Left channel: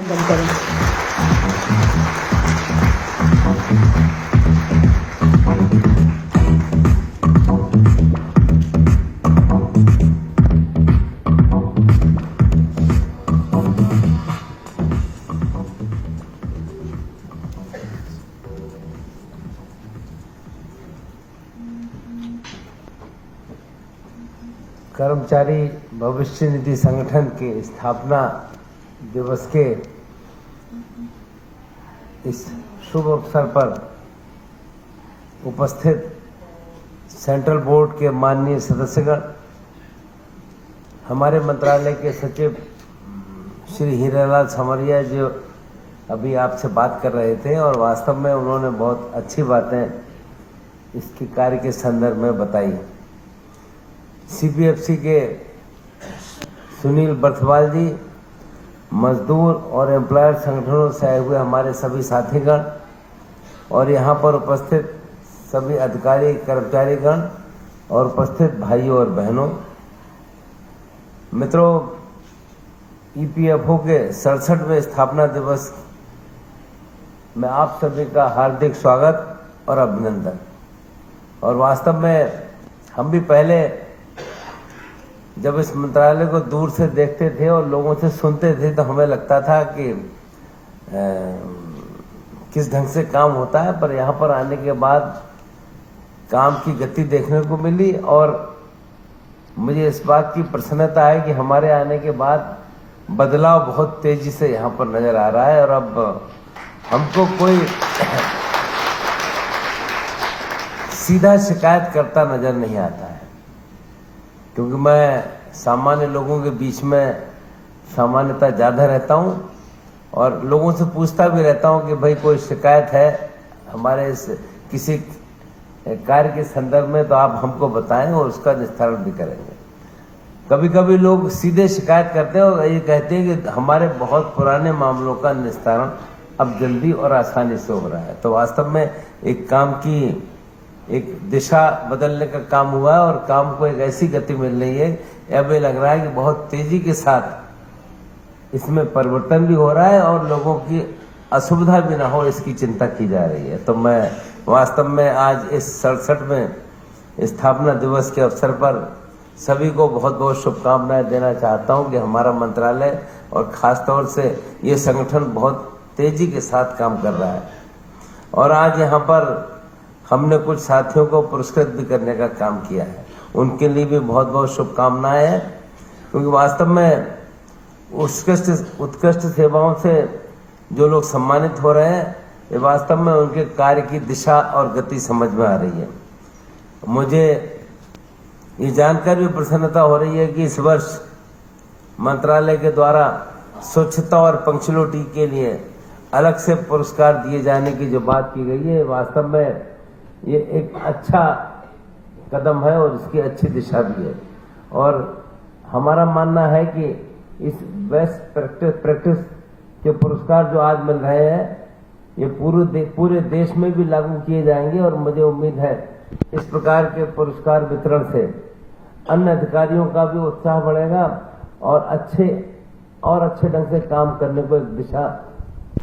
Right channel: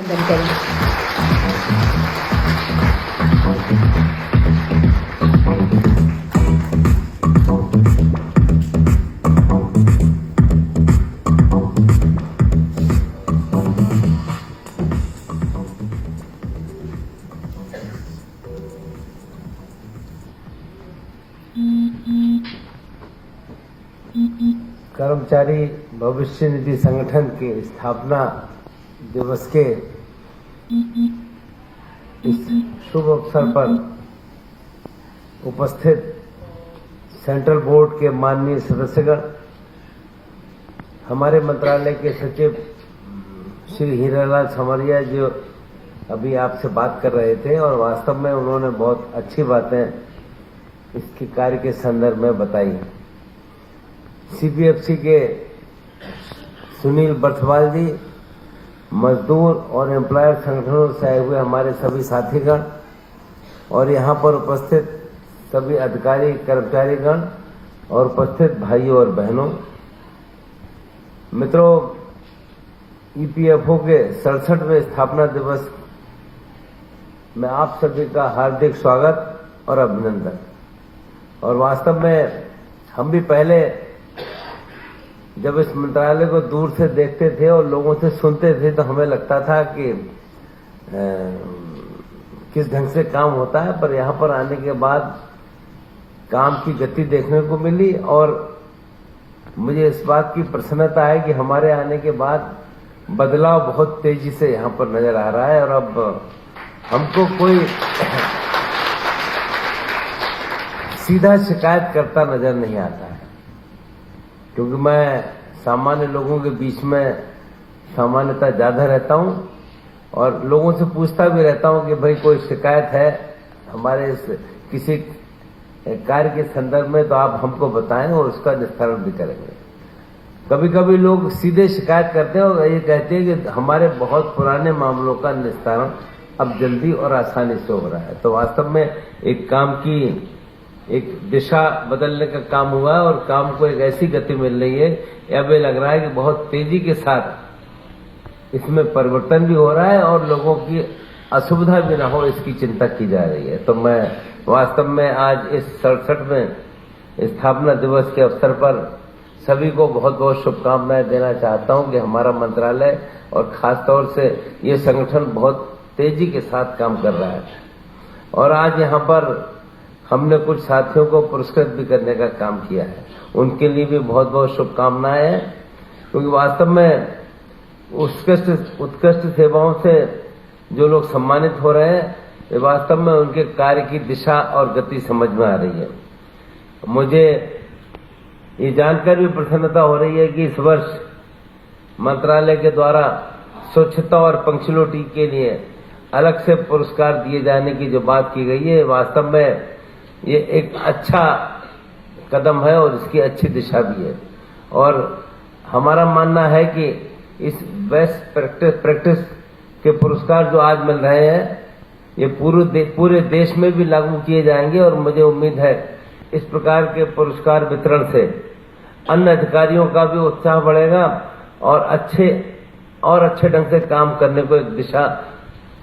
कर्मचारी भविष्य निधि संगठन के स्थापना दिवस के इस शुभ अवसर पर उपस्थित सेंट्रल बोर्ड के माननीय सदस्यगण, हमारे मंत्रालय के सचिव श्री हीरालाल समरिया जो अभी आपसे बात कर रहे थे और वास्तव में उन्होंने बहुत अच्छी बातें इसके कार्य के संदर्भ में बताई। सीबीएफसी के सुनील बर्थवाल जी, मजदूर और एम्प्लॉयर संगठनों से आए हुए हमारे सभी साथीगण और यहाँ पर उपस्थित सभी अधिकारी कर्मचारीगण और उपस्थित भाइयों और बहनों, मित्रों, ईपीएफओ के 67वें स्थापना दिवस में आप सभी का हार्दिक स्वागत और अभिनंदन। और वास्तव में हम भी पहले जब इस मंत्रालय को दूर से देखते थे और लोगों से सुनते थे तो हमें लगता था कि किस ढंग से काम होता है, पर यहाँ पर आने के बाद काम की गति देखने को मिली और मुझे इस बात की प्रसन्नता है कि हमारे आने के बाद बदलाव बहुत तेजी से यहाँ पर नजर आ रहा है और अब हमको कोई सीधा शिकायत करता नजर नहीं आता है, क्योंकि मैं सामान्य लोगों के बीच में सामान्यतः ज्यादा रहता हूं और लोगों से पूछता भी रहता हूं कि भाई कोई शिकायत है हमारे किसी कार्य के संदर्भ में तो आप हमको बताएं और उसका निस्तारण भी करेंगे। कभी कभी लोग सीधे शिकायत करते हैं और ये कहते हैं कि हमारे बहुत पुराने मामलों का निस्तारण अब जल्दी और आसानी से हो रहा है। तो वास्तव में एक काम की एक दिशा बदलने का काम हुआ और काम को एक ऐसी गति मिल रही है, अब ये लग रहा है कि बहुत तेजी के साथ इसमें परिवर्तन भी हो रहा है और लोगों की असुविधा भी ना हो इसकी चिंता की जा रही है। तो मैं वास्तव में आज इस 67वें स्थापना दिवस के अवसर पर सभी को बहुत बहुत शुभकामनाएं देना चाहता हूं कि हमारा मंत्रालय और खासतौर से ये संगठन बहुत तेजी के साथ काम कर रहा है। और आज यहाँ पर हमने कुछ साथियों को पुरस्कृत भी करने का काम किया है, उनके लिए भी बहुत बहुत शुभकामनाएं हैं, क्योंकि वास्तव में उत्कृष्ट सेवाओं से जो लोग सम्मानित हो रहे हैं ये वास्तव में उनके कार्य की दिशा और गति समझ में आ रही है। मुझे ये जानकर भी प्रसन्नता हो रही है कि इस वर्ष मंत्रालय के द्वारा स्वच्छता और पंक्चुअलिटी के लिए अलग से पुरस्कार दिए जाने की जो बात की गई है, वास्तव में ये एक अच्छा कदम है और इसकी अच्छी दिशा भी है। और हमारा मानना है कि इस बेस्ट प्रैक्टिस के पुरस्कार जो आज मिल रहे हैं ये पूरे देश में भी लागू किए जाएंगे और मुझे उम्मीद है इस प्रकार के पुरस्कार वितरण से अन्य अधिकारियों का भी उत्साह बढ़ेगा और अच्छे ढंग से काम करने को एक दिशा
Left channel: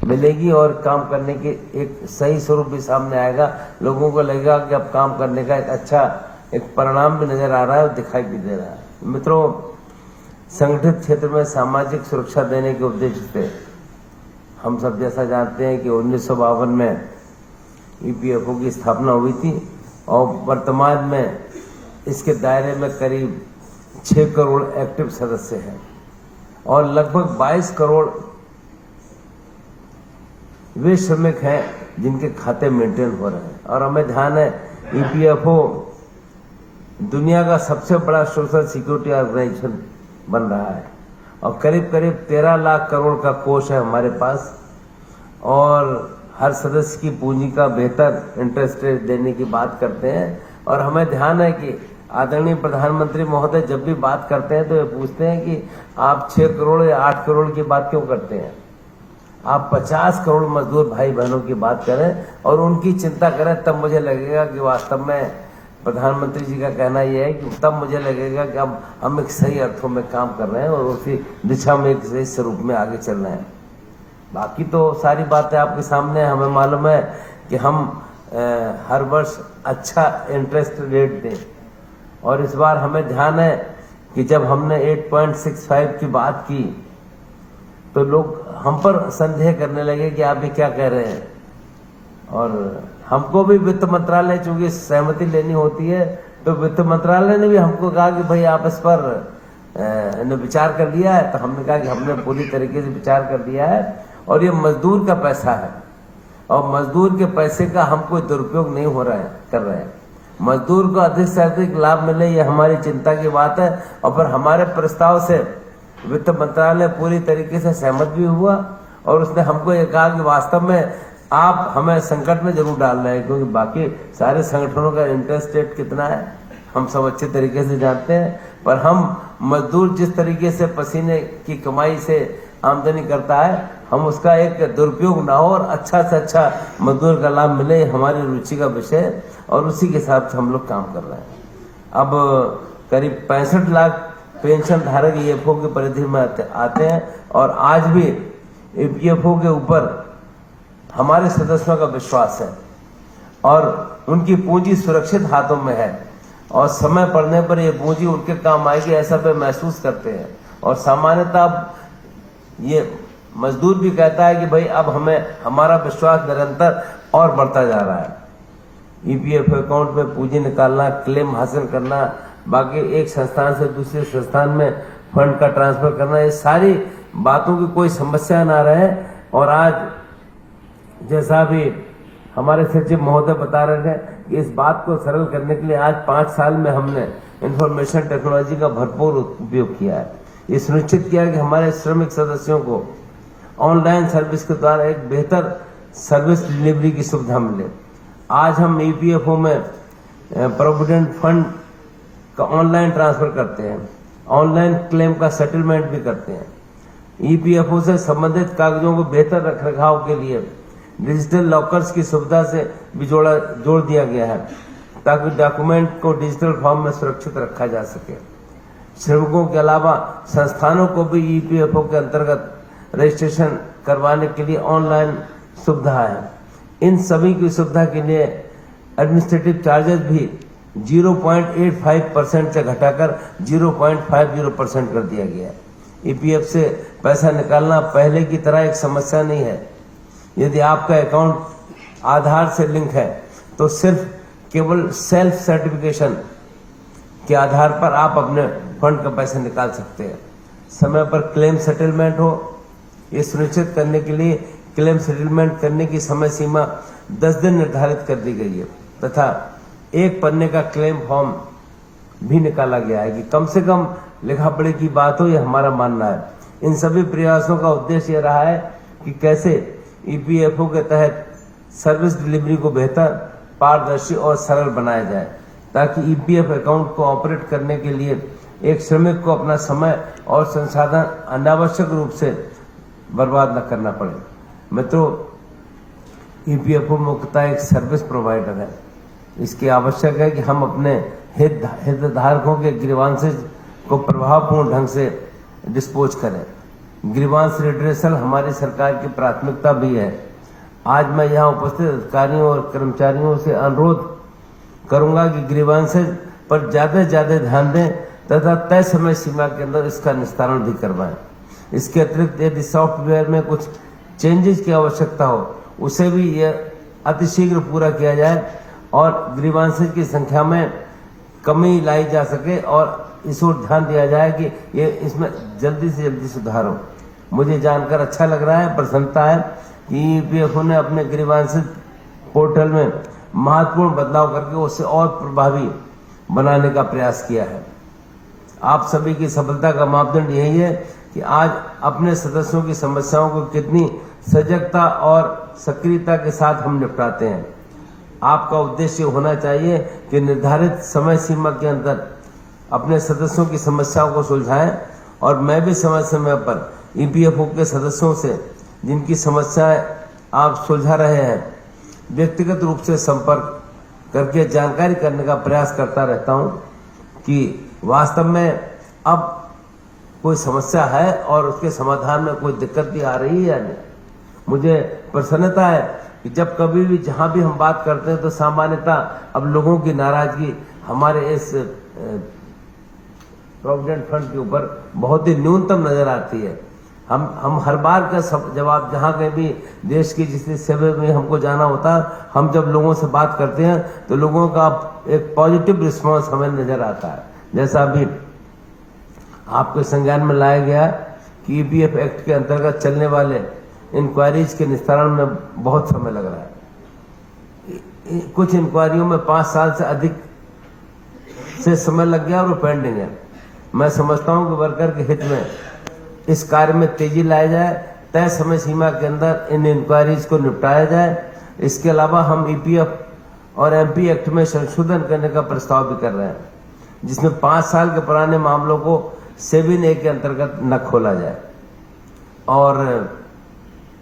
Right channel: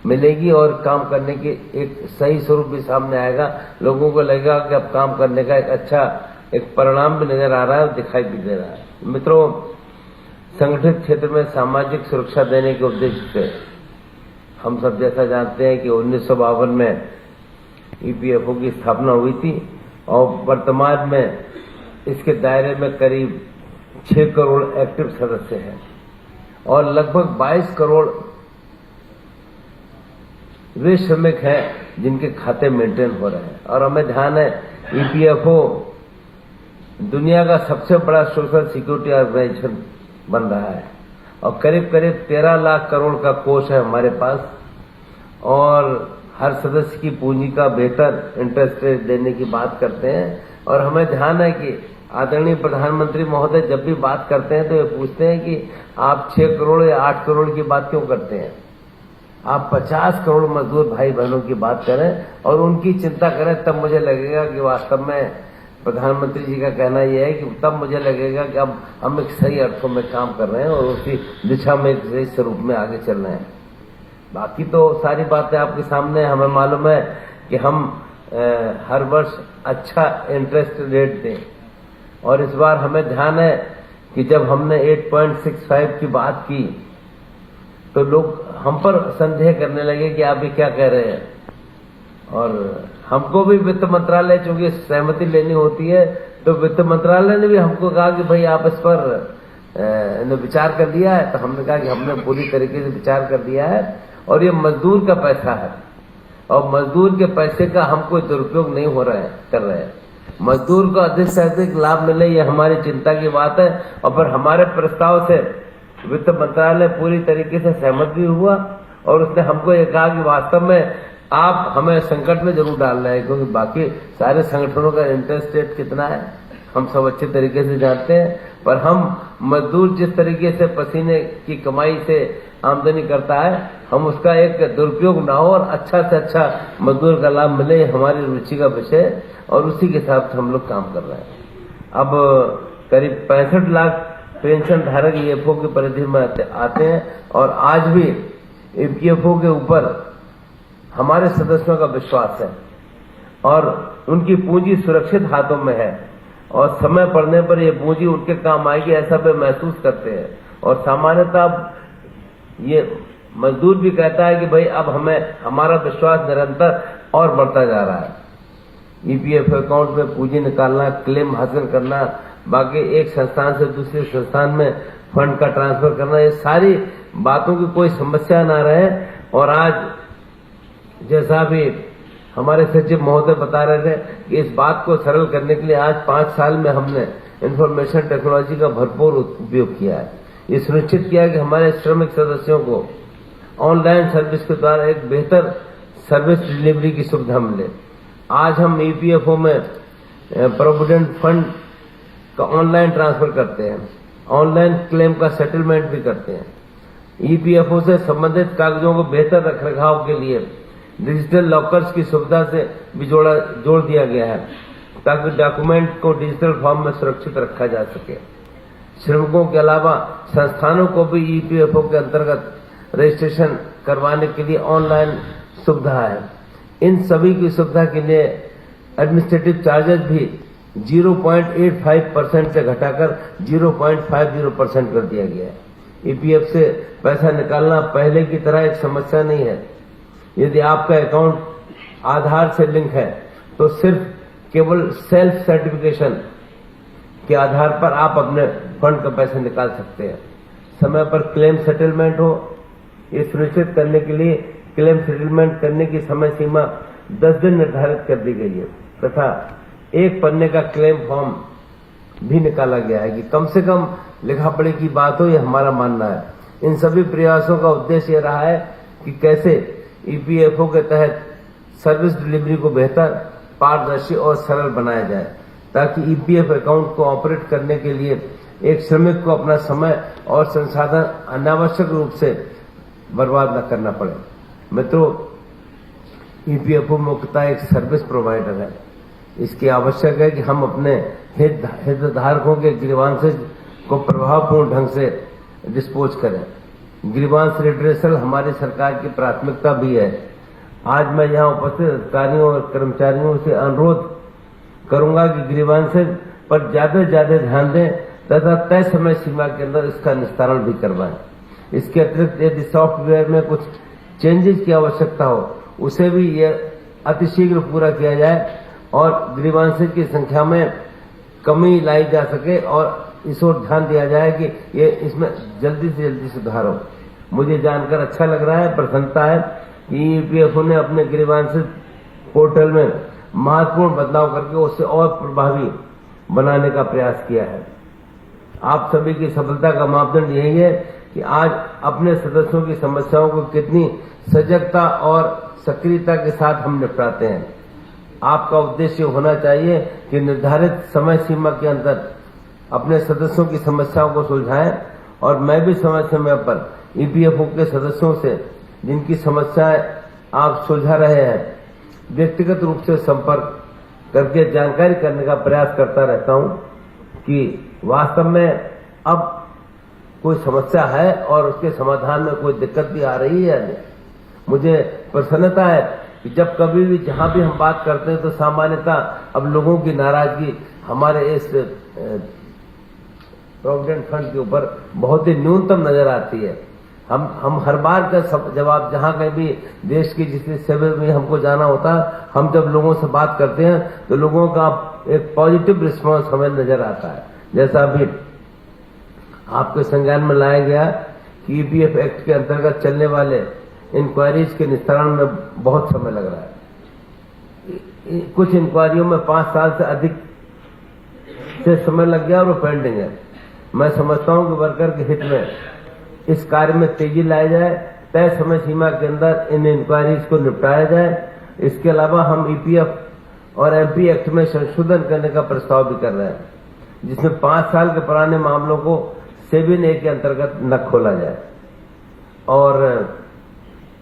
मिलेगी और काम करने के एक सही स्वरूप भी सामने आएगा। लोगों को लगेगा कि अब काम करने का एक अच्छा एक परिणाम भी नजर आ रहा है और दिखाई भी दे रहा है। मित्रों, संगठित क्षेत्र में सामाजिक सुरक्षा देने के उद्देश्य से हम सब जैसा जानते हैं कि 1952 में ईपीएफओ की स्थापना हुई थी और वर्तमान में इसके दायरे में करीब 6 करोड़ एक्टिव सदस्य हैं और लगभग 22 करोड़ वे श्रमिक हैं जिनके खाते मेंटेन हो रहे हैं। और हमें ध्यान है ईपीएफओ दुनिया का सबसे बड़ा सोशल सिक्योरिटी ऑर्गेनाइजेशन बन रहा है और करीब 13 लाख करोड़ का कोष है हमारे पास और हर सदस्य की पूंजी का बेहतर इंटरेस्ट रेट देने की बात करते हैं। और हमें ध्यान है कि आदरणीय प्रधानमंत्री महोदय जब भी बात करते हैं तो ये पूछते हैं कि आप 6 करोड़ या 8 करोड़ की बात क्यों करते हैं, आप 50 करोड़ मजदूर भाई बहनों की बात करें और उनकी चिंता करें, तब मुझे लगेगा कि वास्तव में प्रधानमंत्री जी का कहना यह है कि तब मुझे लगेगा कि अब हम एक सही अर्थों में काम कर रहे हैं और उसी दिशा में एक सही स्वरूप में आगे चल रहे हैं। बाकी तो सारी बातें आपके सामने, हमें मालूम है कि हम हर वर्ष अच्छा इंटरेस्ट रेट दें, और इस बार हमें ध्यान है कि जब हमने 8.65 की बात की तो लोग हम पर संदेह करने लगे कि आप ये क्या कह रहे हैं, और हमको भी वित्त मंत्रालय चूंकि सहमति लेनी होती है, तो वित्त मंत्रालय ने भी हमको कहा कि भाई आप इस पर विचार कर लिया है। तो हमने कहा कि हमने पूरी तरीके से विचार कर लिया है, और ये मजदूर का पैसा है, और मजदूर के पैसे का हम कोई दुरुपयोग नहीं कर रहे हैं। मजदूर को अधिक से अधिक लाभ मिले, ये हमारी चिंता की बात है। और फिर हमारे प्रस्ताव से वित्त मंत्रालय पूरी तरीके से सहमत भी हुआ, और उसने हमको ये कहा कि वास्तव में आप हमें संकट में जरूर डाल रहे हैं, क्योंकि बाकी सारे संगठनों का इंटरेस्ट रेट कितना है हम सब अच्छे तरीके से जानते हैं, पर हम मजदूर जिस तरीके से पसीने की कमाई से आमदनी करता है, हम उसका एक दुरुपयोग ना हो और अच्छा से अच्छा मजदूर का लाभ मिले, हमारी रुचि का विषय है, और उसी के हिसाब से हम लोग काम कर रहे हैं। अब करीब 65 लाख पेंशन धारक ईपीएफओ की परिधि में आते हैं, और आज भी ईपीएफओ के ऊपर हमारे सदस्यों का विश्वास है, और उनकी पूंजी सुरक्षित हाथों में है, और समय पड़ने पर ये पूंजी उनके काम आएगी ऐसा वे महसूस करते हैं। और सामान्यतः ये मजदूर भी कहता है कि भाई अब हमें हमारा विश्वास निरंतर और बढ़ता जा रहा है। ईपीएफ अकाउंट में पूंजी निकालना, क्लेम हासिल करना, बाकी एक संस्थान से दूसरे संस्थान में फंड का ट्रांसफर करना, ये सारी बातों की कोई समस्या ना रहे। और आज जैसा भी हमारे सचिव महोदय बता रहे थे कि इस बात को सरल करने के लिए आज 5 साल में हमने इंफॉर्मेशन टेक्नोलॉजी का भरपूर उपयोग किया है। ये सुनिश्चित किया कि हमारे श्रमिक सदस्यों को ऑनलाइन सर्विस के द्वारा एक बेहतर सर्विस डिलीवरी की सुविधा मिले। आज हम ईपीएफओ में प्रोविडेंट फंड का ऑनलाइन ट्रांसफर करते हैं, ऑनलाइन क्लेम का सेटलमेंट भी करते हैं। ईपीएफओ से संबंधित कागजों को बेहतर रखरखाव के लिए डिजिटल लॉकर्स की सुविधा से भी जोड़ दिया गया है, ताकि डॉक्यूमेंट को डिजिटल फॉर्म में सुरक्षित रखा जा सके। श्रमिकों के अलावा संस्थानों को भी ईपीएफओ के अंतर्गत रजिस्ट्रेशन करवाने के लिए ऑनलाइन सुविधा है। इन सभी की सुविधा के लिए एडमिनिस्ट्रेटिव चार्जेस भी 0.85% से घटाकर 0.50% कर दिया गया है। ईपीएफ से पैसा निकालना पहले की तरह एक समस्या नहीं है। यदि आपका अकाउंट आधार से लिंक है तो सिर्फ केवल सेल्फ सर्टिफिकेशन के आधार पर आप अपने फंड का पैसे निकाल सकते हैं। समय पर क्लेम सेटलमेंट हो, ये सुनिश्चित करने के लिए क्लेम सेटलमेंट करने की समय सीमा 10 दिन निर्धारित कर दी गई है, तथा एक पन्ने का क्लेम फॉर्म भी निकाला गया है कि कम से कम लिखा पढ़ी की बात हो, ये हमारा मानना है। इन सभी प्रयासों का उद्देश्य ये रहा है कि कैसे ईपीएफओ के तहत सर्विस डिलीवरी को बेहतर, पारदर्शी और सरल बनाया जाए, ताकि ईपीएफ अकाउंट को ऑपरेट करने के लिए एक श्रमिक को अपना समय और संसाधन अनावश्यक रूप से बर्बाद न करना पड़े। मित्रों, ईपीएफओ मुख्यतः एक सर्विस प्रोवाइडर है। इसकी आवश्यक है कि हम अपने हितधारकों के ग्रीवांसेस को प्रभावपूर्ण ढंग से डिस्पोज करें। ग्रीवांस रिड्रेसल हमारी सरकार की प्राथमिकता भी है। आज मैं यहाँ उपस्थित अधिकारियों और कर्मचारियों से अनुरोध करूंगा कि ग्रीवांसेस पर ज्यादा से ज्यादा ध्यान दें तथा तय समय सीमा के अंदर इसका निस्तारण भी करवाएं। इसके अतिरिक्त यदि सॉफ्टवेयर में कुछ चेंजेस की आवश्यकता हो, उसे भी यह अतिशीघ्र पूरा किया जाए और ग्रीवांसेस की संख्या में कमी लाई जा सके, और इस ओर ध्यान दिया जाए कि ये इसमें जल्दी से जल्दी सुधार हो। मुझे जानकर अच्छा लग रहा है, प्रसन्नता है कि ईपीएफओ ने अपने ग्रीवांसेस पोर्टल में महत्वपूर्ण बदलाव करके उसे और प्रभावी बनाने का प्रयास किया है। आप सभी की सफलता का मापदंड यही है कि आज अपने सदस्यों की समस्याओं को कितनी सजगता और सक्रियता के साथ हम निपटाते हैं। आपका उद्देश्य होना चाहिए कि निर्धारित समय सीमा के अंदर अपने सदस्यों की समस्याओं को सुलझाएं, और मैं भी समय समय पर ईपीएफओ के सदस्यों से जिनकी समस्याएं आप सुलझा रहे हैं व्यक्तिगत रूप से संपर्क करके जानकारी करने का प्रयास करता रहता हूं कि वास्तव में अब कोई समस्या है और उसके समाधान में कोई दिक्कत भी आ रही है या नहीं। मुझे प्रसन्नता है कि जब कभी भी जहां भी हम बात करते हैं तो सामान्यतः अब लोगों की नाराजगी हमारे इस प्रोविडेंट फंड के ऊपर बहुत ही न्यूनतम नजर आती है। हम हर बार का जवाब जहां कहीं भी देश की जिस सेवा में हमको जाना होता है, हम जब लोगों से बात करते हैं तो लोगों का एक पॉजिटिव रिस्पांस हमें नजर आता है। जैसा अभी आपके संज्ञान में लाया गया कि ईपीएफ एक्ट के अंतर्गत चलने वाले इंक्वायरीज के निस्तारण में बहुत समय लग रहा है। कुछ इंक्वायरियों में 5 साल से अधिक से समय लग गया और वो पेंडिंग है। मैं समझता हूं कि वर्कर के हित में इस कार्य में तेजी लाया जाए, तय समय सीमा के अंदर इन इंक्वायरीज को निपटाया जाए। इसके अलावा हम ईपीएफ और एमपी एक्ट में संशोधन करने का प्रस्ताव भी कर रहे हैं, जिसमें 5 साल के पुराने मामलों को सेबी ने के अंतर्गत न खोला जाए और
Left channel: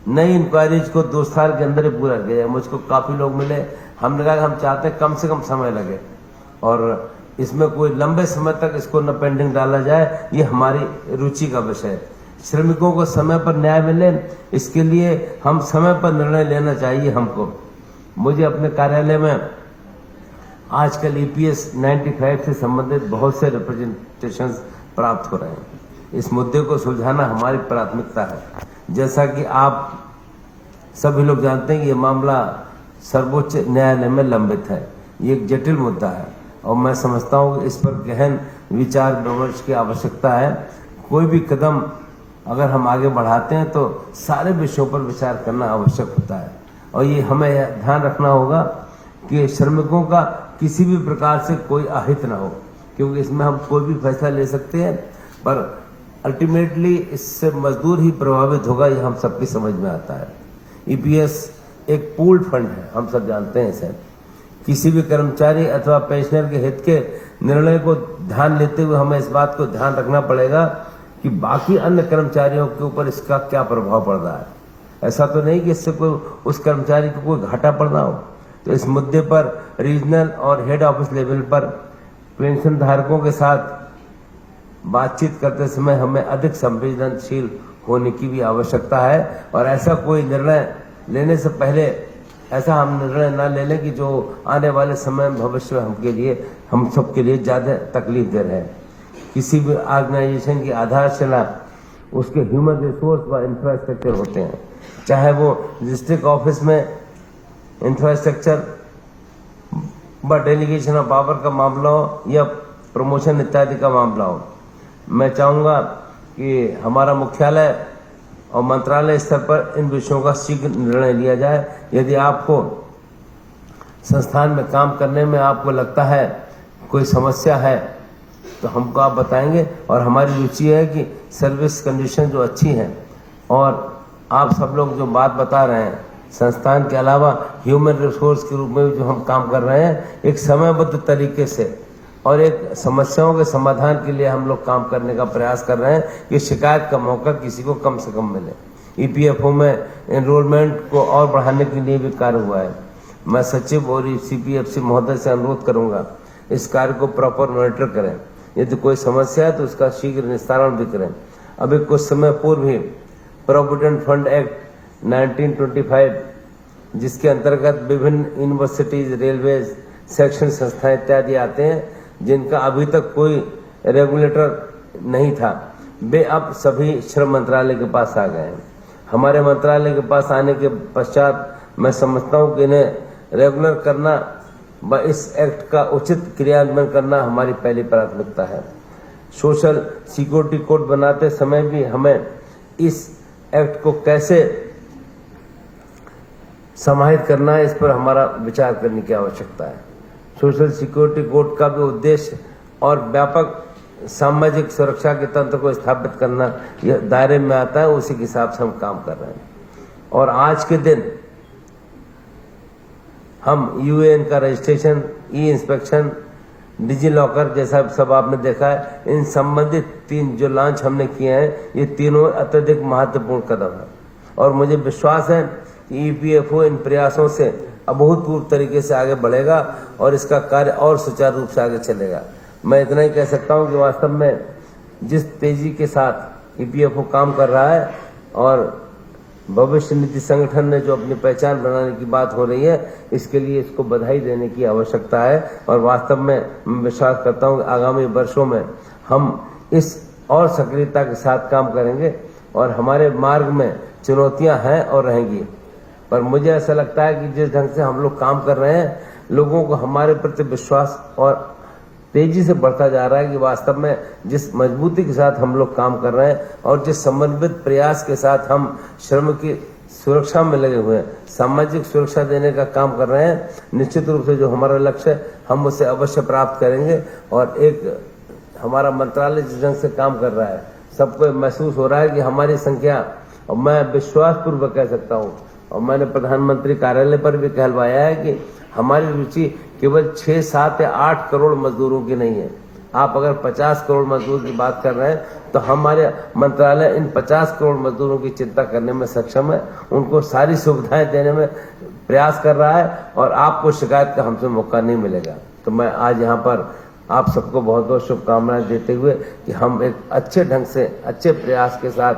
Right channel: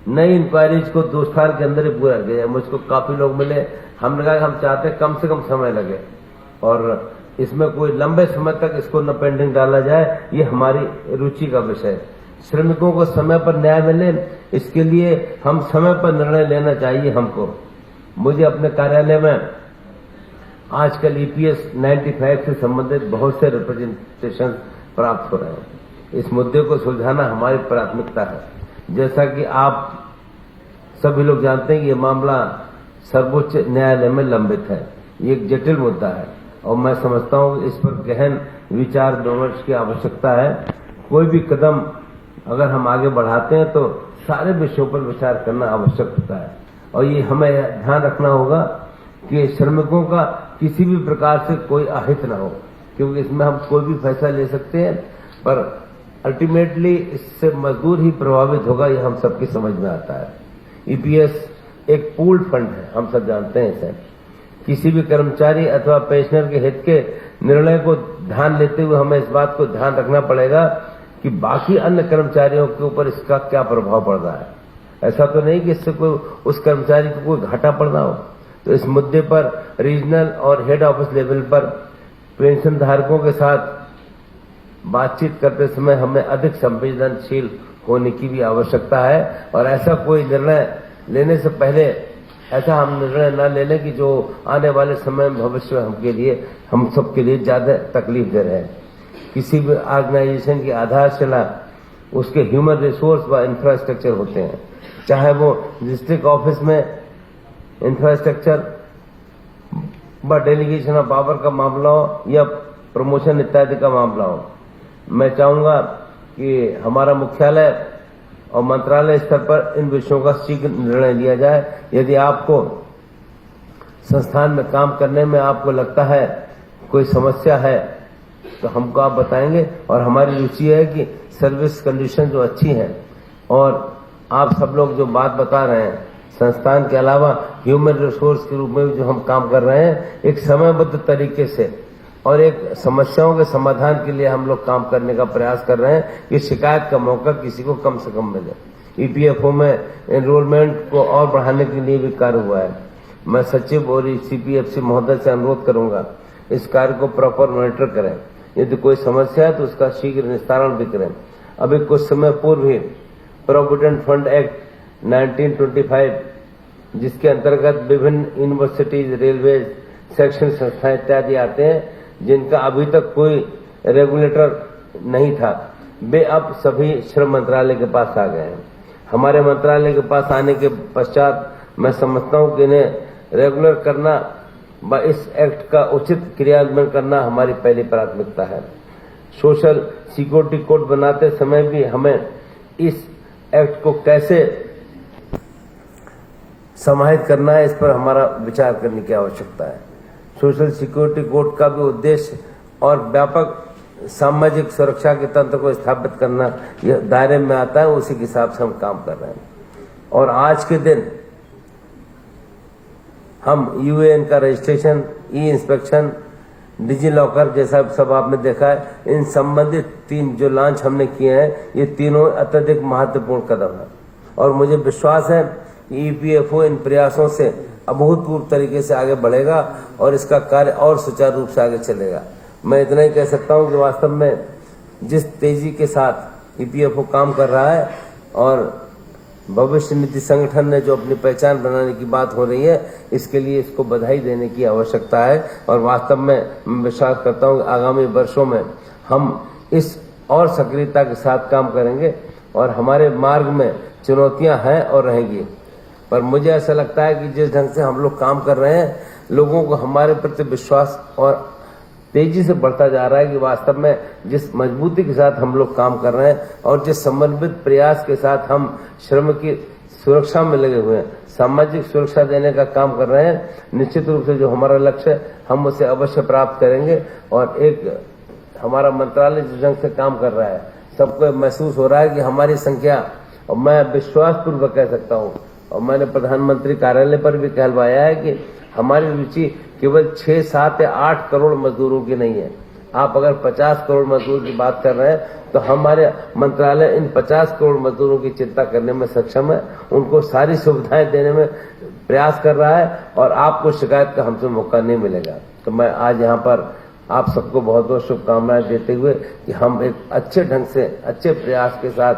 नई इंक्वायरीज को 2 साल के अंदर ही पूरा किया जाए। मुझको काफी लोग मिले, हमने कहा हम चाहते कम से कम समय लगे और इसमें कोई लंबे समय तक इसको न पेंडिंग डाला जाए, ये हमारी रुचि का विषय है। श्रमिकों को समय पर न्याय मिले, इसके लिए हम समय पर निर्णय लेना चाहिए हमको। मुझे अपने कार्यालय में आजकल ईपीएस 95 से संबंधित बहुत से रिप्रेजेंटेशन प्राप्त हो रहे हैं। इस मुद्दे को सुलझाना हमारी प्राथमिकता है। जैसा कि आप सभी लोग जानते हैं कि ये मामला सर्वोच्च न्यायालय में लंबित है। ये एक जटिल मुद्दा है और मैं समझता हूं कि इस पर गहन विचार विमर्श की आवश्यकता है। कोई भी कदम अगर हम आगे बढ़ाते हैं तो सारे विषयों पर विचार करना आवश्यक होता है और ये हमें ध्यान रखना होगा कि श्रमिकों का किसी भी प्रकार से कोई अहित ना हो, क्योंकि इसमें हम कोई भी फैसला ले सकते हैं पर अल्टीमेटली इससे मजदूर ही प्रभावित होगा, ये हम सबकी समझ में आता है। ईपीएस एक पूल्ड फंड है, हम सब जानते हैं इसे। किसी भी कर्मचारी अथवा पेंशनर के हित के निर्णय को ध्यान लेते हुए हमें इस बात को ध्यान रखना पड़ेगा कि बाकी अन्य कर्मचारियों के ऊपर इसका क्या प्रभाव पड़ रहा है। ऐसा तो नहीं कि इससे कोई उस कर्मचारी को कोई घाटा पड़ रहा हो। तो इस मुद्दे पर रीजनल और हेड ऑफिस लेवल पर पेंशन धारकों के साथ बातचीत करते समय हमें अधिक संवेदनशील होने की भी आवश्यकता है और ऐसा कोई निर्णय लेने से पहले ऐसा हम निर्णय न ले लें कि जो आने वाले समय में भविष्य हम सबके लिए ज्यादा तकलीफ दे रहे हैं। किसी भी ऑर्गेनाइजेशन की आधारशिला उसके ह्यूमन रिसोर्स व इंफ्रास्ट्रक्चर होते हैं, चाहे वो डिस्ट्रिक्ट ऑफिस में इंफ्रास्ट्रक्चर व डेलीगेशन ऑफ पावर का मामला हो या प्रमोशन इत्यादि का मामला हो। मैं चाहूंगा कि हमारा मुख्यालय और मंत्रालय स्तर पर इन विषयों का शीघ्र निर्णय लिया जाए। यदि आपको संस्थान में काम करने में आपको लगता है कोई समस्या है तो हमको आप बताएंगे और हमारी रुचि है कि सर्विस कंडीशन जो अच्छी है और आप सब लोग जो बात बता रहे हैं संस्थान के अलावा ह्यूमन रिसोर्स के रूप में जो हम काम कर रहे हैं एक समयबद्ध तरीके से और एक समस्याओं के समाधान के लिए हम लोग काम करने का प्रयास कर रहे हैं कि शिकायत का मौका किसी को कम से कम मिले। ईपीएफओ में एनरोलमेंट को और बढ़ाने के लिए भी कार्य हुआ है। मैं सचिव और सीपीएफसी महोदय से अनुरोध करूंगा इस कार्य को प्रॉपर मॉनिटर करें। यदि कोई समस्या है तो उसका शीघ्र निस्तारण भी करें। अभी कुछ समय पूर्व ही प्रोविडेंट फंड एक्ट 1925 जिसके अंतर्गत विभिन्न यूनिवर्सिटीज, रेलवे, शैक्षणिक संस्थाएं इत्यादि आते हैं जिनका अभी तक कोई रेगुलेटर नहीं था, वे अब सभी श्रम मंत्रालय के पास आ गए हैं। हमारे मंत्रालय के पास आने के पश्चात मैं समझता हूं कि इन्हें रेगुलर करना व इस एक्ट का उचित क्रियान्वयन करना हमारी पहली प्राथमिकता है। सोशल सिक्योरिटी कोड बनाते समय भी हमें इस एक्ट को कैसे समाहित करना है, इस पर हमारा विचार करने की आवश्यकता है। सोशल सिक्योरिटी कोड का भी उद्देश्य और व्यापक सामाजिक सुरक्षा के तंत्र को स्थापित करना यह दायरे में आता है, उसी के हिसाब से हम काम कर रहे हैं। और आज के दिन हम यूएएन का रजिस्ट्रेशन, ई इंस्पेक्शन, डिजी लॉकर जैसा सब आपने देखा है, इन संबंधित 3 जो लॉन्च हमने किए हैं ये तीनों अत्यधिक महत्वपूर्ण कदम है और मुझे विश्वास है कि ईपीएफओ इन प्रयासों से अभूतपूर्व तरीके से आगे बढ़ेगा और इसका कार्य और सुचारू रूप से आगे चलेगा। मैं इतना ही कह सकता हूं कि वास्तव में जिस तेजी के साथ ईपीएफओ काम कर रहा है और भविष्य निधि संगठन ने जो अपनी पहचान बनाने की बात हो रही है, इसके लिए इसको बधाई देने की आवश्यकता है। और वास्तव में मैं विश्वास करता हूँ कि आगामी वर्षों में हम इस और सक्रियता के साथ काम करेंगे और हमारे मार्ग में चुनौतियां हैं और रहेंगी, पर मुझे ऐसा लगता है कि जिस ढंग से हम लोग काम कर रहे हैं, लोगों को हमारे प्रति विश्वास और तेजी से बढ़ता जा रहा है कि वास्तव में जिस मजबूती के साथ हम लोग काम कर रहे हैं और जिस समन्वित प्रयास के साथ हम श्रम की सुरक्षा में लगे हुए हैं, सामाजिक सुरक्षा देने का काम कर रहे हैं, निश्चित रूप से जो हमारा लक्ष्य है हम उसे अवश्य प्राप्त करेंगे। और एक हमारा मंत्रालय जिस ढंग से काम कर रहा है, सबको महसूस हो रहा है कि हमारी संख्या, और मैं विश्वास पूर्वक कह सकता हूँ, और मैंने प्रधानमंत्री कार्यालय पर भी कहलवाया है कि हमारी रुचि केवल 6, 7 या 8 करोड़ मजदूरों की नहीं है। आप अगर 50 करोड़ मजदूर की बात कर रहे हैं तो हमारे मंत्रालय इन 50 करोड़ मजदूरों की चिंता करने में सक्षम है, उनको सारी सुविधाएं देने में प्रयास कर रहा है और आपको शिकायत का हमसे मौका नहीं मिलेगा। तो मैं आज यहाँ पर आप सबको बहुत बहुत शुभकामनाएं देते हुए कि हम एक अच्छे ढंग से, अच्छे प्रयास के साथ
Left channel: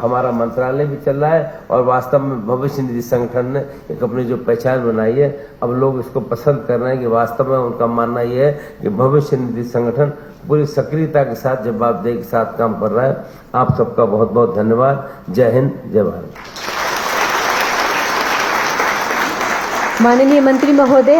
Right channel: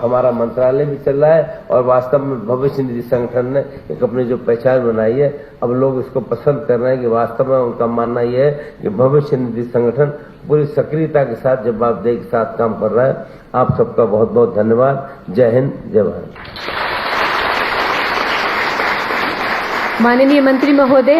हमारा मंत्रालय भी चल रहा है और वास्तव में भविष्य निधि संगठन ने एक अपनी जो पहचान बनाई है, अब लोग इसको पसंद कर रहे हैं कि वास्तव में उनका मानना यह है कि भविष्य निधि संगठन पूरी सक्रियता के साथ, जवाबदेही के साथ काम कर रहा है। आप सबका बहुत बहुत धन्यवाद। जय हिंद, जय भारत। माननीय मंत्री महोदय,